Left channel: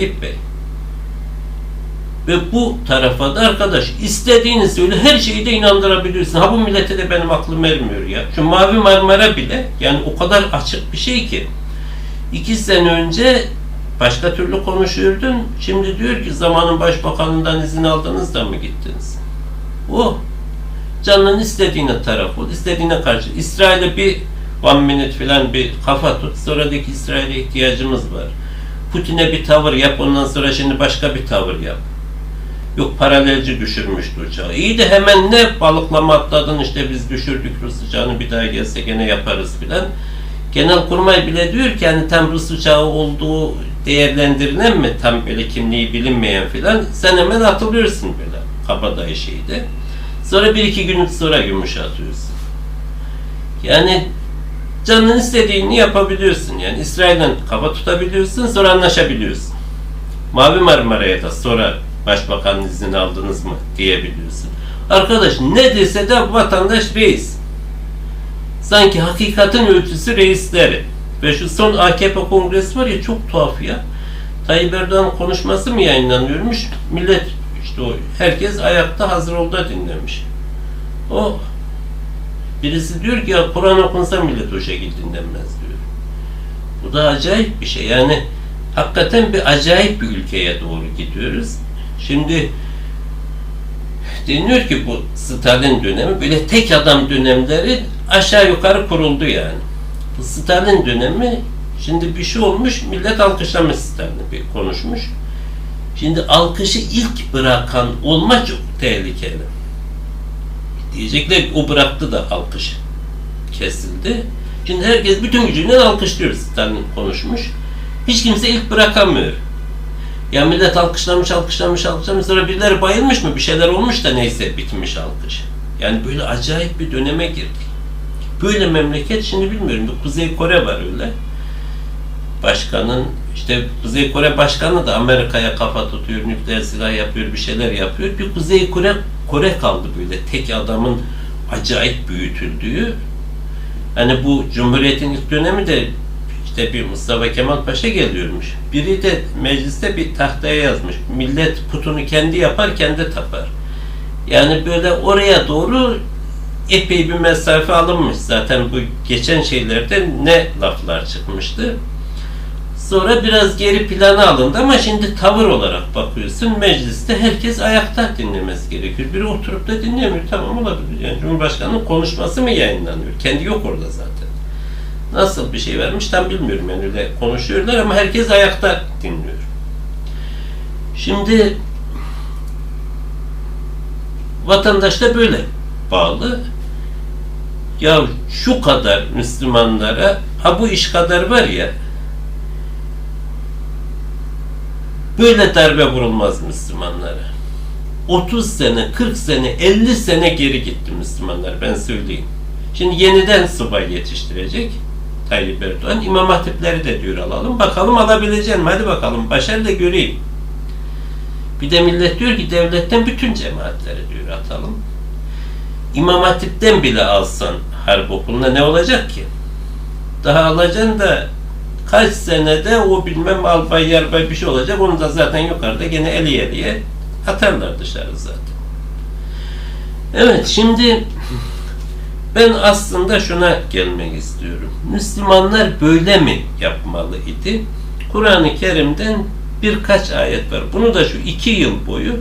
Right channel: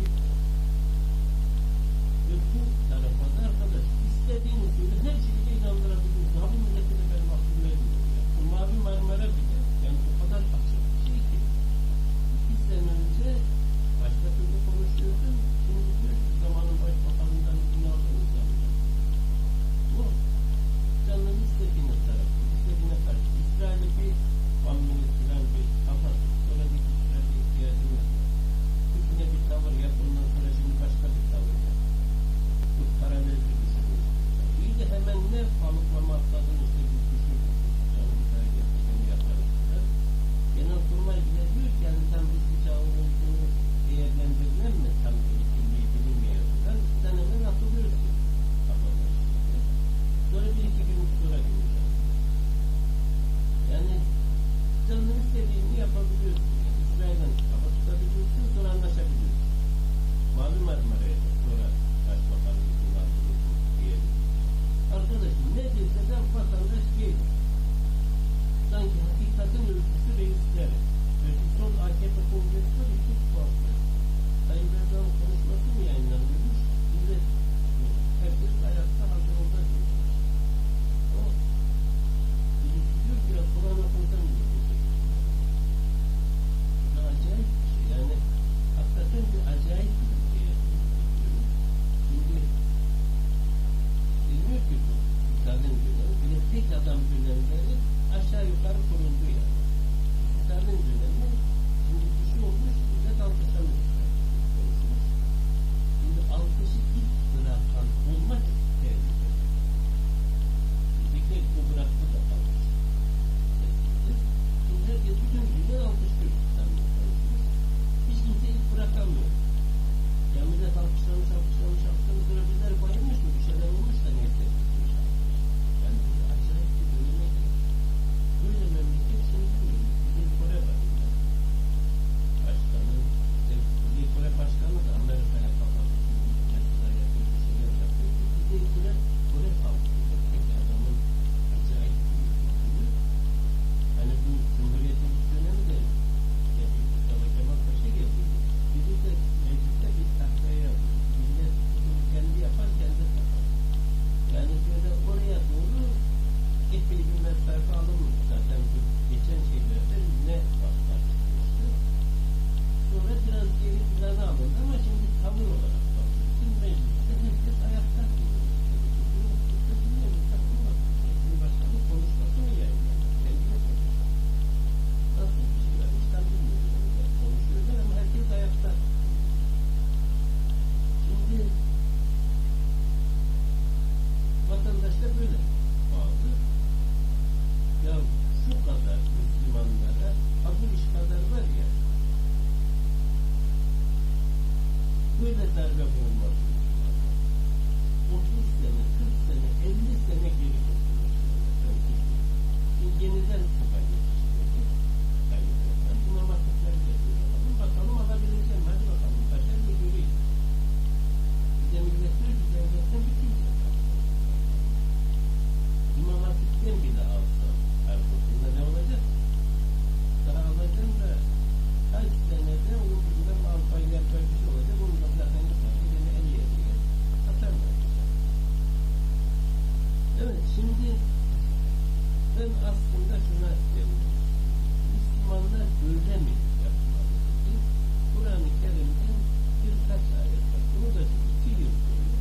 Tayyip Bey. Ve bu tarafa da arkadaş istediğini söyle her şeyi de inandırabilirsin. Ha bu millete de benim aklım ermiyor ya. Şu Mavi Marmara bile yani o kadar açık bir şey ki. iki sene önce başka türlü konuşuyordun. Şimdi diyor ki zamanın başbakanından izin aldınız da mı gittiniz? O canının istediğine taraf ol, istediğine karşı. İsrail'e bir one minute falan bir kafa tut. Sonradaki İsrail'e ihtiyacımız var. Putin'e bir tavır yap, ondan sonra şimdi başka bir tavır yap. Yok paralelci düşürmüştü uçağı. İyi de hemen ne balıklama atladın işte biz düşürdük Rus uçağını bir daha gelse gene yaparız filan. Genelkurmay bile diyor ki hani tam Rus uçağı olduğu değerlendirilen mi tam böyle kimliği bilinmeyen filan sen hemen atılıyorsun böyle kabadayı şeyde. Sonra bir iki gün sonra yumuşatıyorsun. Yani canın istediğini yapabiliyorsun. Yani İsrail'den kafa tutabiliyorsun sonra anlaşabiliyorsun. Mavi Marmara'ya da sonra başbakanın izni aldınız mı diyebiliyorsun. Arkadaş ne dese de vatandaş reis. Sanki hakikatin ölçüsü reisleri. Ve şu son AKP kongresi var ya çok tuhaf ya. Tayyip Erdoğan konuşması mı yayınlanıyormuş? Millet işte o herkes ayakta hazır oldu dinlemiş. O birisi diyor ki ya Kur'an okunsa millet o şekilde dinlenmez diyor. Bu da acayip bir şey. Yani hakikaten bir acayip bir ülkeye doğru gidiyoruz. Şimdi deniyor ki bu Stalin dönemi böyle tek adam dönemleri aşağı yukarı kuruldu yani. Bu Stalin dönemi şimdi bir şey olmuş millet alkışlamış Stalin'i bir konuşmuş. Şimdi alkışı ilk bırakan olma çok tehlikeli. Diyecekler o bıraktı da alkış kesildi. Şimdi herkes bütün gücüyle alkışlıyor Stalin konuşmuş. Hiç kimse ilk bırakamıyor. Ya millet alkışlamış, alkışlamış, alkışlamış. Sonra birileri bayılmış mı? Bir şeyler olmuş da neyse bitmiş alkış. Yani böyle acayip bir döneme girdik. Böyle memleket şimdi bilmiyorum. Bir Kuzey Kore var öyle. Başkanın işte Kuzey Kore başkanı da Amerika'ya kafa tutuyor, nükleer silah yapıyor, bir şeyler yapıyor. Bir Kuzey Kore Kore kaldı böyle tek adamın acayip büyütüldüğü. Hani bu Cumhuriyet'in ilk dönemi de işte bir Mustafa Kemal Paşa geliyormuş. Biri de mecliste bir tahtaya yazmış. Millet putunu kendi yapar, kendi tapar. Yani böyle oraya doğru epey bir mesafe alınmış. Zaten bu geçen şeylerde ne laflar çıkmıştı. Sonra biraz geri plana alındı ama şimdi tavır olarak bakıyorsun mecliste herkes ayakta dinlemesi gerekiyor. Biri oturup da dinlemiyor. Tamam olabilir. Yani Cumhurbaşkanı'nın konuşması mı yayınlanıyor? Kendi yok orada zaten. Nasıl bir şey vermiş tam bilmiyorum yani öyle konuşuyorlar ama herkes ayakta dinliyor. Şimdi vatandaş da böyle bağlı. Ya şu kadar Müslümanlara ha bu iş kadar var ya böyle darbe vurulmaz Müslümanlara. 30 sene, 40 sene, 50 sene geri gitti Müslümanlar ben söyleyeyim. Şimdi yeniden subay yetiştirecek Tayyip Erdoğan. İmam hatipleri de diyor alalım. Bakalım alabileceğim. Hadi bakalım. Başarı da göreyim. Bir de millet diyor ki devletten bütün cemaatleri diyor atalım. İmam hatipten bile alsan harp okuluna ne olacak ki? Daha alacaksın da kaç senede o bilmem albay yarbay bir şey olacak. Onu da zaten yukarıda gene eli eliye atarlar dışarı zaten. Evet şimdi ben aslında şuna gelmek istiyorum. Müslümanlar böyle mi yapmalı idi? Kur'an-ı Kerim'den birkaç ayet var. Bunu da şu iki yıl boyu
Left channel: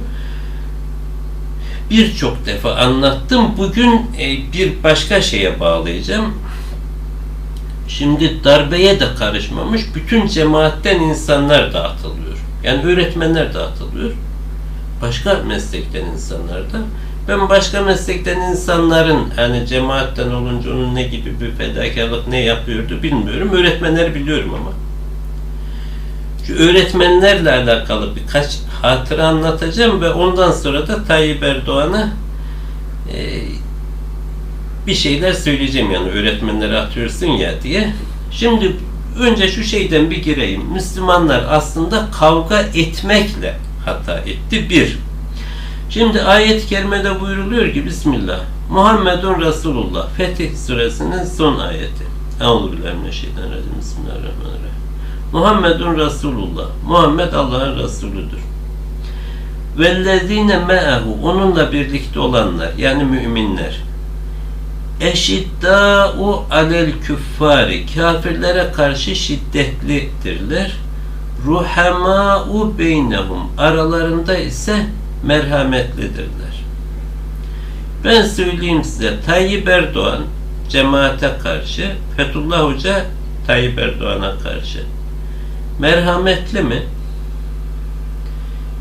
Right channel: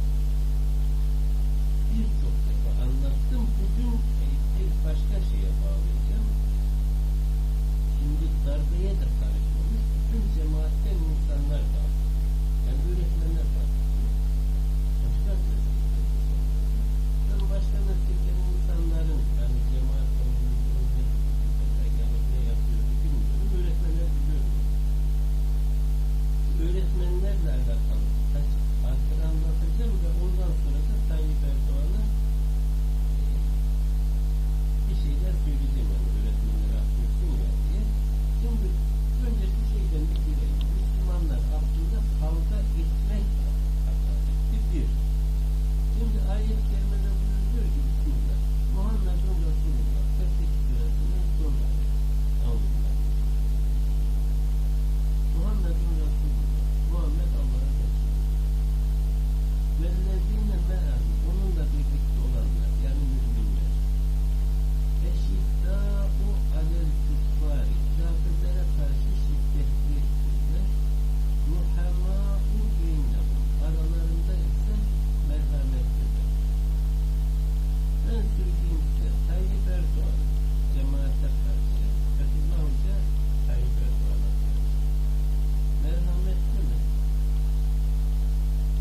birçok defa anlattım. Bugün e, bir başka şeye bağlayacağım. Şimdi darbeye de karışmamış bütün cemaatten insanlar dağıtılıyor. Yani öğretmenler dağıtılıyor. Başka meslekten insanlar da. Ben başka meslekten insanların yani cemaatten olunca onun ne gibi bir fedakarlık ne yapıyordu bilmiyorum. Öğretmenleri biliyorum ama. Şu öğretmenlerle alakalı birkaç hatıra anlatacağım ve ondan sonra da Tayyip Erdoğan'a e, bir şeyler söyleyeceğim yani öğretmenlere atıyorsun ya diye. Şimdi önce şu şeyden bir gireyim. Müslümanlar aslında kavga etmekle hata etti. Bir. Şimdi ayet-i kerimede buyuruluyor ki Bismillah. Muhammedun Resulullah. Fetih suresinin son ayeti. Euzubillahimineşşeytanirracim. Bismillahirrahmanirrahim. Muhammedun Resulullah. Muhammed Allah'ın Resulüdür. Vellezine me'ehu onunla birlikte olanlar yani müminler eşiddâ'u alel küffari kafirlere karşı şiddetlidirler. Ruhemâ'u beynehum aralarında ise merhametlidirler. Ben söyleyeyim size Tayyip Erdoğan cemaate karşı, Fethullah Hoca Tayyip Erdoğan'a karşı merhametli mi?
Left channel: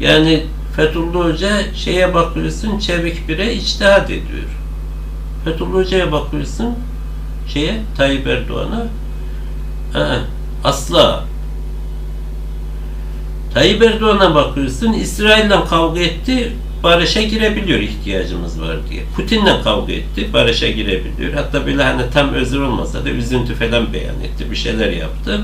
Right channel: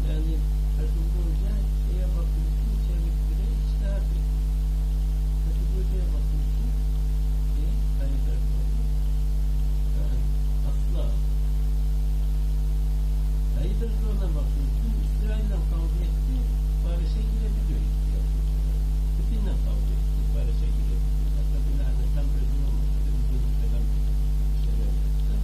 Yani Fethullah Hoca şeye bakıyorsun çevik bire içtihat ediyor. Fethullah Hoca'ya bakıyorsun şeye Tayyip Erdoğan'a asla Tayyip Erdoğan'a bakıyorsun İsrail'le kavga etti barışa girebiliyor ihtiyacımız var diye. Putin'le kavga etti barışa girebiliyor. Hatta böyle hani tam özür olmasa da üzüntü falan beyan etti. Bir şeyler yaptı.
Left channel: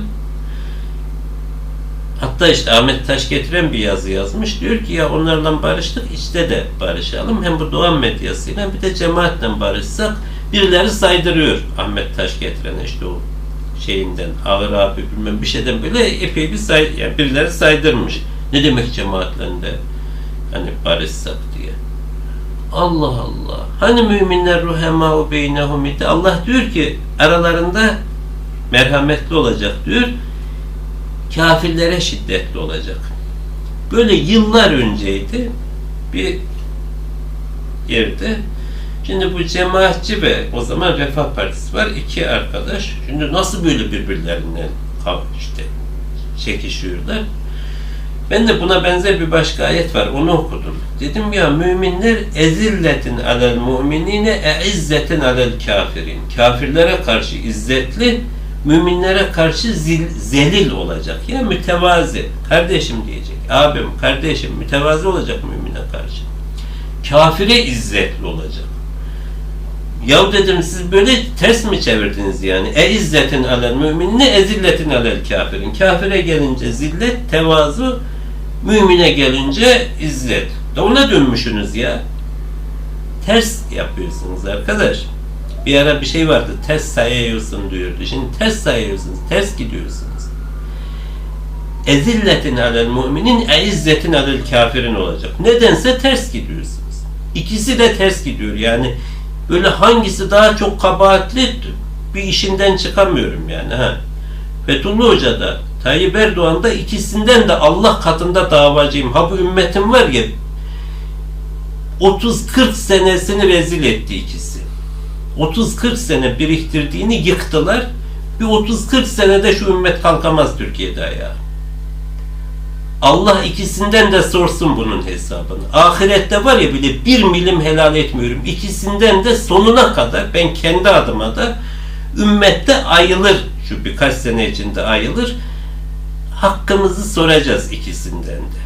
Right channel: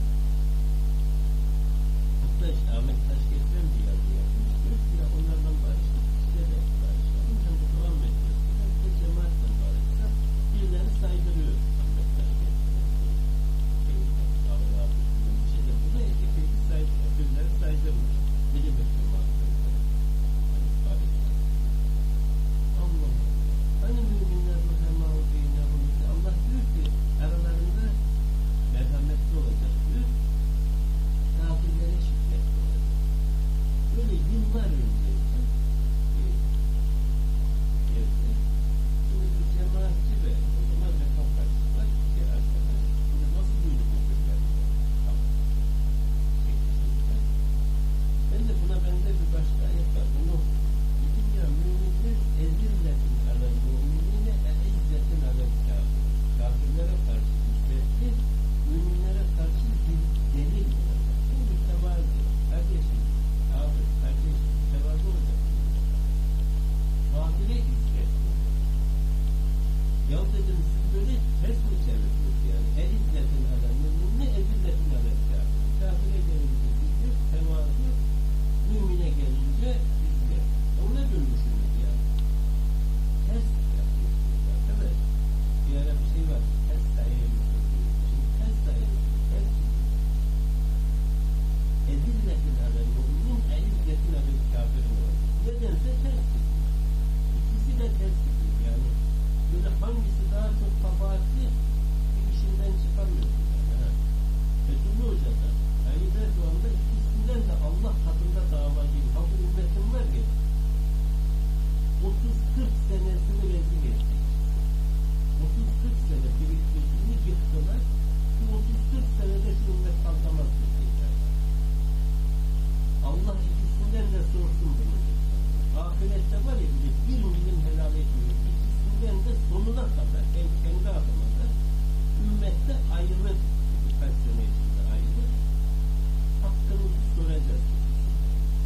Hatta işte Ahmet Taş getiren bir yazı yazmış. Diyor ki ya onlarla barıştık işte de barışalım. Hem bu Doğan medyasıyla bir de cemaatle barışsak birileri saydırıyor Ahmet Taş getiren işte o şeyinden ağır abi bilmem bir şeyden böyle epey bir say yani birileri saydırmış. Ne demek cemaatlerinde hani barışsak diye. Allah Allah. Hani müminler ruhema beynehum idi. Allah diyor ki aralarında merhametli olacak diyor kafirlere şiddetli olacak. Böyle yıllar önceydi bir yerde Şimdi bu cemaatçi ve o zaman Refah Partisi var. iki arkadaş. Şimdi nasıl böyle birbirlerinden kav işte çekişiyorlar. Ben de buna benzer bir başka ayet var. Onu okudum. Dedim ya müminler ezilletin alel mu'minine e izzetin alel kafirin. Kafirlere karşı izzetli, müminlere karşı zil, zelil olacak. Ya mütevazi. Kardeşim diyecek. Abim, kardeşim mütevazi olacak mümine karşı. Kafire izzetli olacak. Ya dedim siz böyle ters mi çevirdiniz yani? E izzetin alel müminine ezilletin alel kafirin. Kafire gelince zillet, tevazu, mümine gelince izzet. Ona dönmüşsünüz ya. Ters yapıyorsunuz arkadaş. Bir ara bir şey vardı. Ters sayıyorsun diyordu. Şimdi ters sayıyorsunuz. Ters gidiyorsunuz. Ezilletin alel müminin, e izzetin alel kafirin olacak. Nedense ters gidiyorsunuz. İkisi de ters gidiyor. Yani böyle hangisi daha çok kabahatli bir işinden çıkamıyorum yani ha. Fethullah Hoca da Tayyip Erdoğan da ikisinden de Allah katında davacıyım. Ha bu ümmetim var ya 30-40 senesini rezil etti ikisi. 30-40 sene biriktirdiğini yıktılar. Bir 30-40 senede şu ümmet kalkamaz Türkiye'de ya. Allah ikisinden de sorsun bunun hesabını. Ahirette var ya bile bir milim helal etmiyorum. İkisinden de sonuna kadar ben kendi adıma da ümmette ayılır. Şu birkaç sene içinde ayılır. Hakkımızı soracağız ikisinden de.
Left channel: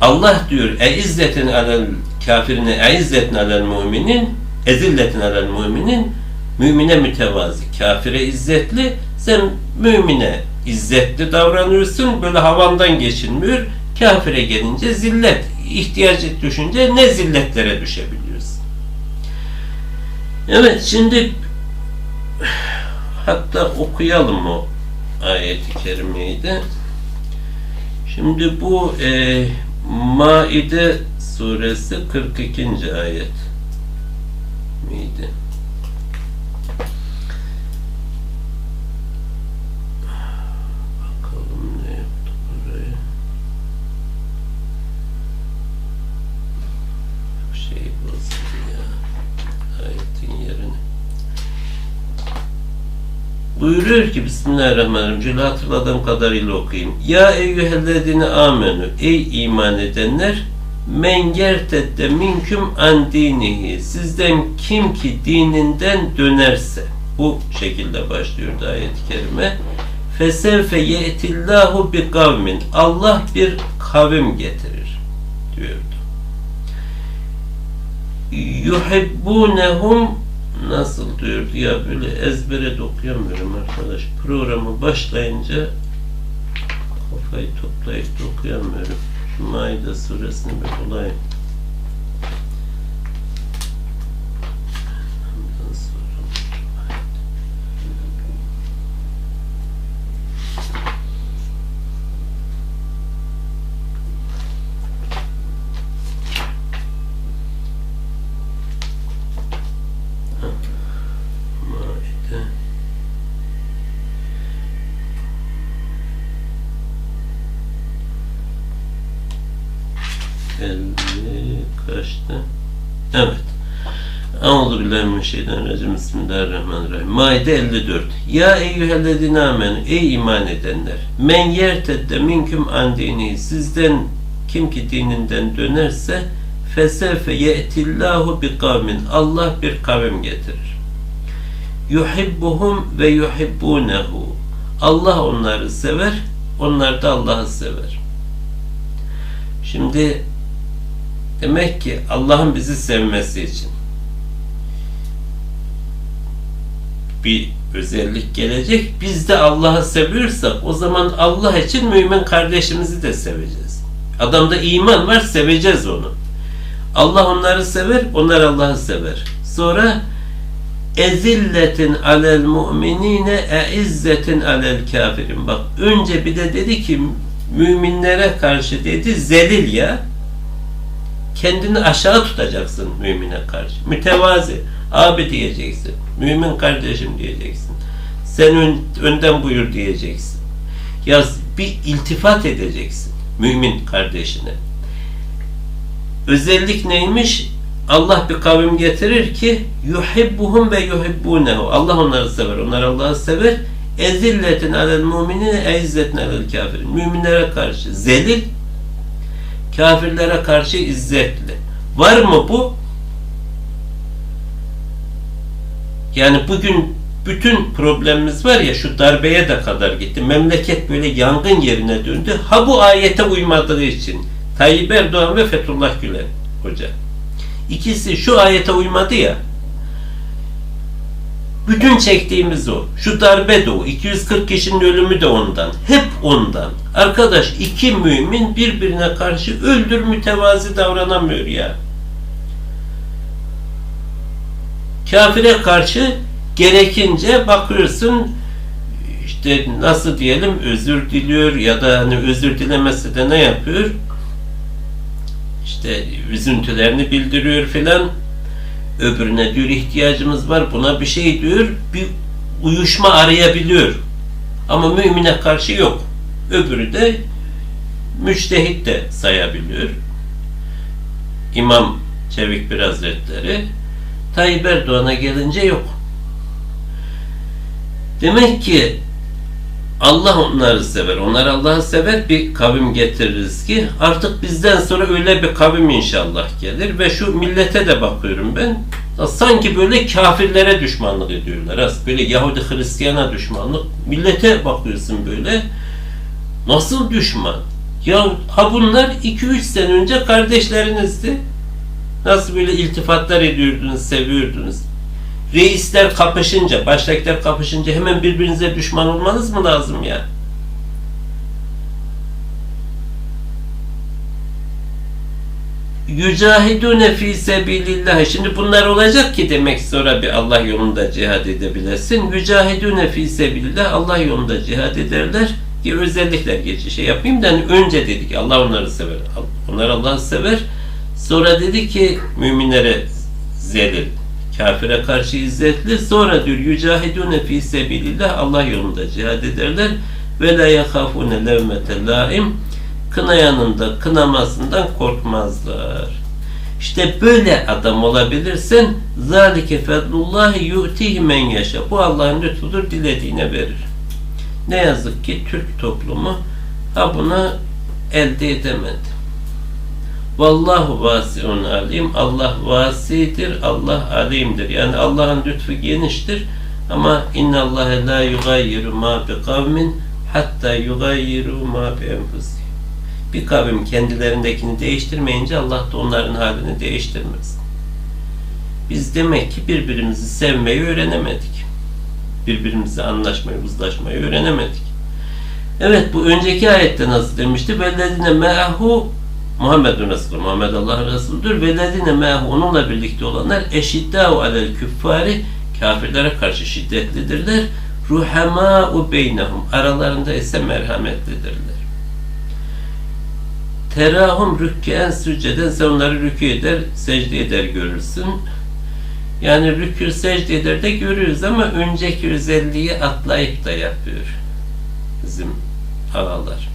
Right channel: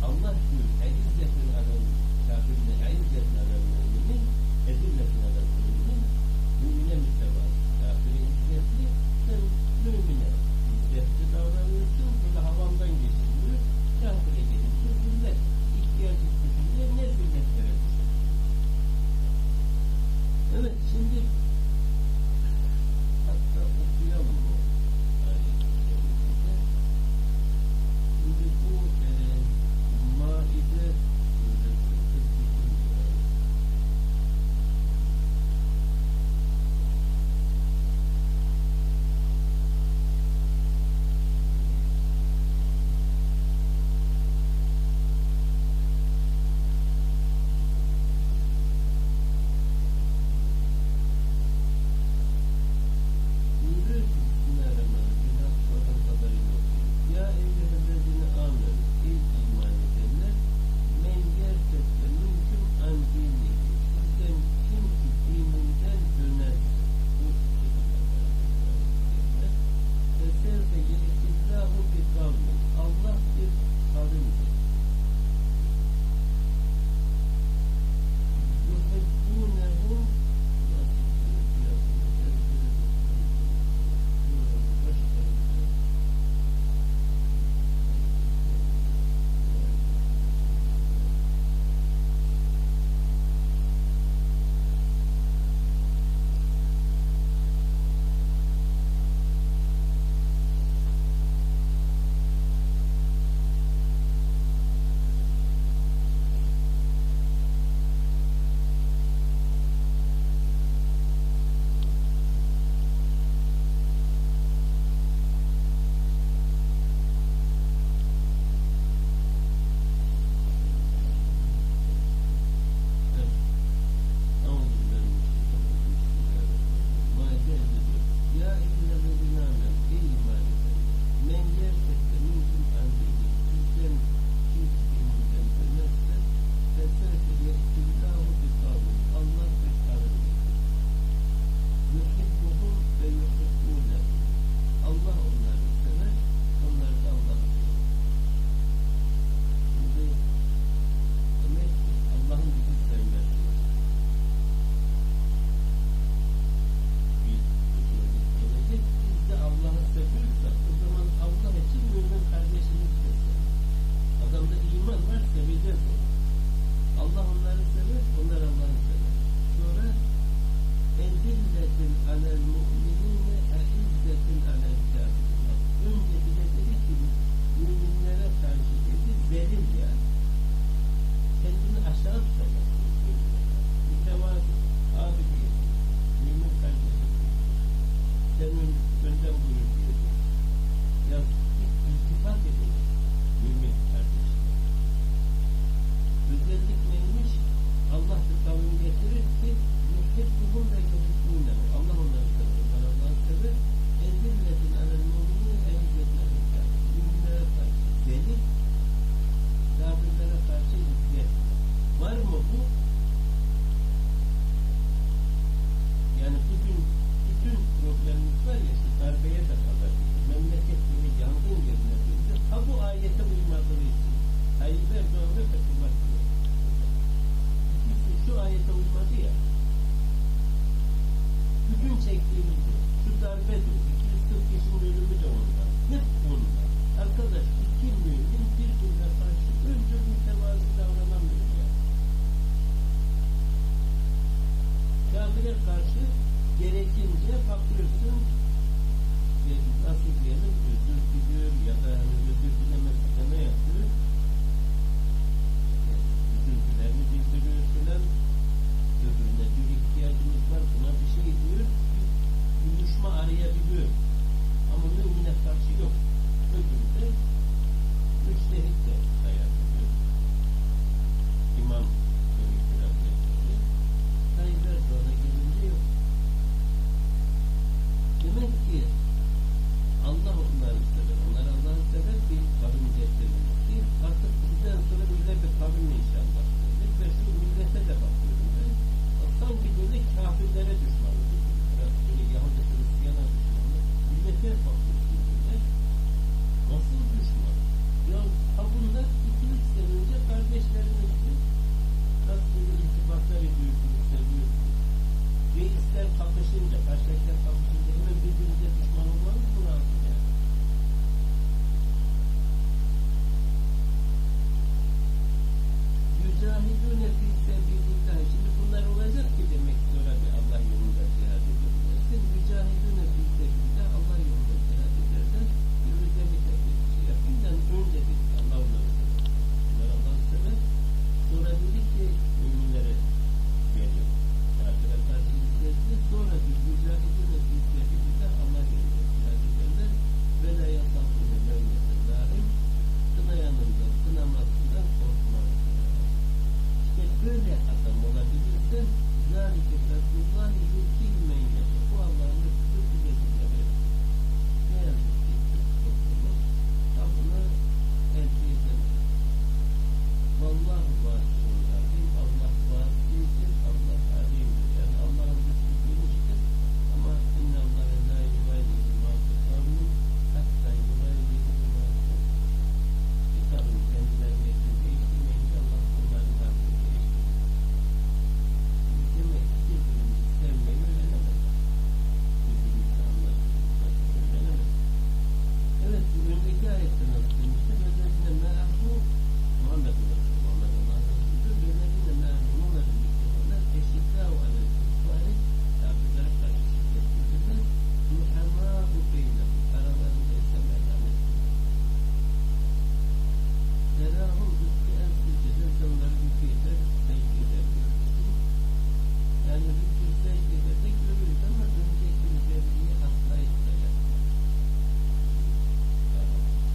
Allah diyor e izzetin alel kafirine e izzetin alel müminin ezilletin müminin mümine mütevazi. Kafire izzetli sen mümine izzetli davranıyorsun böyle havandan geçilmiyor kafire gelince zillet ihtiyacı düşünce ne zilletlere düşebiliyorsun? Evet şimdi hatta okuyalım o ayeti kerimeyi de. Şimdi bu e, Maide suresi 42. ayet miydi? Bakalım ne yaptı buraya. Şey bozuldu ya. Ayetin yerini. Buyuruyor ki Bismillahirrahmanirrahim. Şöyle hatırladığım kadarıyla okuyayım. Ya eyyühellezine amenü. Ey iman edenler men minküm an dinihi. Sizden kim ki dininden dönerse. Bu şekilde başlıyordu ayet-i kerime. Fesevfe ye'tillahu bi kavmin. Allah bir kavim getirir diyordu. Yuhibbunehum nasıl diyordu ya böyle ezbere de okuyamıyorum arkadaş. Programı başlayınca kafayı toplayıp okuyamıyorum. Şu Maide suresini bir bulayım. Ondan sonra- 50 kaçtı? Evet. Euzu billahi mineşşeytanirracim. Bismillahirrahmanirrahim. Maide 54. Ya eyyühellezine amen. Ey iman edenler. Men yertedde minküm an dini. Sizden kim ki dininden dönerse fesefe ye'tillahu bi kavmin. Allah bir kavim getirir. Yuhibbuhum ve yuhibbunehu. Allah onları sever, onlar da Allah'ı sever. Şimdi demek ki Allah'ın bizi sevmesi için bir özellik gelecek. Biz de Allah'ı seviyorsak o zaman Allah için mümin kardeşimizi de seveceğiz. Adamda iman var seveceğiz onu. Allah onları sever, onlar Allah'ı sever. Sonra ezilletin alel mu'minine eizzetin alel kafirin. Bak önce bir de dedi ki müminlere karşı dedi zelil ya kendini aşağı tutacaksın mümine karşı. Mütevazi. Abi diyeceksin. Mümin kardeşim diyeceksin. Sen ön, önden buyur diyeceksin. Ya bir iltifat edeceksin mümin kardeşine. Özellik neymiş? Allah bir kavim getirir ki yuhibbuhum ve yuhibbunehu. Allah onları sever. Onlar Allah'ı sever. Ezilletin alel muminine eizzetin alel kafirin. Müminlere karşı zelil, kafirlere karşı izzetli. Var mı bu? Yani bugün bütün problemimiz var ya şu darbeye de kadar gitti. Memleket böyle yangın yerine döndü. Ha bu ayete uymadığı için. Tayyip Erdoğan ve Fethullah Gülen hoca. İkisi şu ayete uymadı ya. Bütün çektiğimiz o. Şu darbe de o. 240 kişinin ölümü de ondan. Hep ondan. Arkadaş iki mümin birbirine karşı öldür mütevazi davranamıyor ya. Kafire karşı gerekince bakıyorsun işte nasıl diyelim özür diliyor ya da hani özür dilemese de ne yapıyor? İşte üzüntülerini bildiriyor filan. Öbürüne diyor ihtiyacımız var buna bir şey diyor. Bir uyuşma arayabiliyor. Ama mümine karşı yok. Öbürü de müçtehit de sayabiliyor. İmam Çevik bir Hazretleri Tayyip Erdoğan'a gelince yok. Demek ki Allah onları sever. Onlar Allah'ı sever. Bir kavim getiririz ki artık bizden sonra öyle bir kavim inşallah gelir ve şu millete de bakıyorum ben. Sanki böyle kafirlere düşmanlık ediyorlar. Böyle Yahudi Hristiyana düşmanlık. Millete bakıyorsun böyle. Nasıl düşman? Ya ha bunlar 2-3 sene önce kardeşlerinizdi. Nasıl böyle iltifatlar ediyordunuz, seviyordunuz. Reisler kapışınca, baştakiler kapışınca hemen birbirinize düşman olmanız mı lazım ya? Yücahidune fi sebilillah. Şimdi bunlar olacak ki demek sonra bir Allah yolunda cihad edebilesin. Yücahidune fi sebilillah. Allah yolunda cihad ederler ki özellikler geçişe yapayım da hani önce dedik Allah onları sever. Onlar Allah'ı sever. Sonra dedi ki müminlere zelil, kafire karşı izzetli. Sonra diyor yücahidune fi sebilillah Allah yolunda cihad ederler ve la yahafune levmete laim kınayanın da kınamasından korkmazlar. İşte böyle adam olabilirsen zalike fedlullahi yu'tihi men yaşa. Bu Allah'ın lütfudur dilediğine verir. Ne yazık ki Türk toplumu ha bunu elde edemedi. Vallahu vasiun alim. Allah vasidir, Allah alimdir. Yani Allah'ın lütfu geniştir. Ama inna Allah la yugayyiru ma bi kavmin hatta yugayyiru ma bi enfusihim. Bir kavim kendilerindekini değiştirmeyince Allah da onların halini değiştirmez. Biz demek ki birbirimizi sevmeyi öğrenemedik. Birbirimizi anlaşmayı, uzlaşmayı öğrenemedik. Evet bu önceki ayette nasıl demişti? Vellezine me'ahu Muhammedun Resulü, Muhammed Allah'ın Resulüdür. Velezine me'ahu onunla birlikte olanlar eşiddâhu alel küffari kafirlere karşı şiddetlidirler. Ruhemâ'u beynehum aralarında ise merhametlidirler. Terahum rükken sücceden sen onları rükû eder, secde eder görürsün. Yani rükû secde eder de görüyoruz ama önceki özelliği atlayıp da yapıyor bizim ağalar.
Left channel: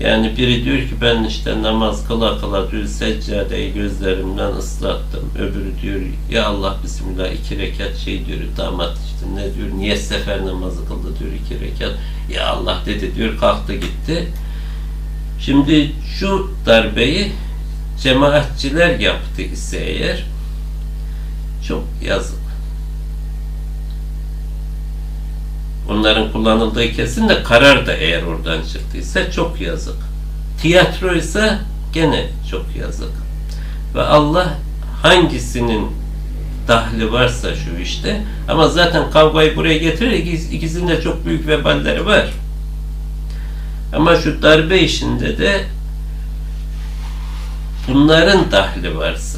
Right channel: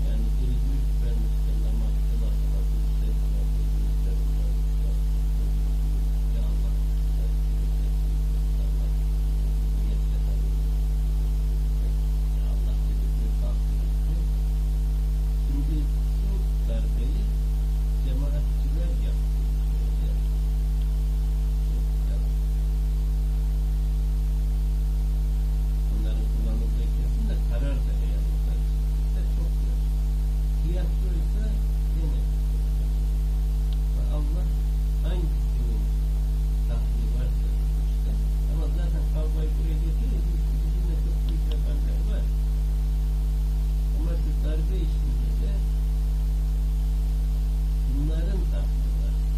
Yani biri diyor ki ben işte namaz kıla kıla diyor seccadeyi gözlerimden ıslattım. Öbürü diyor ya Allah bismillah iki rekat şey diyor damat işte ne diyor niye sefer namazı kıldı diyor iki rekat. Ya Allah dedi diyor kalktı gitti. Şimdi şu darbeyi cemaatçiler yaptı ise eğer çok yazık. Bunların kullanıldığı kesin de karar da eğer oradan çıktıysa çok yazık. Tiyatro ise gene çok yazık. Ve Allah hangisinin dahli varsa şu işte ama zaten kavgayı buraya getirir İkis- ikisinde çok büyük veballeri var. Ama şu darbe işinde de bunların dahli varsa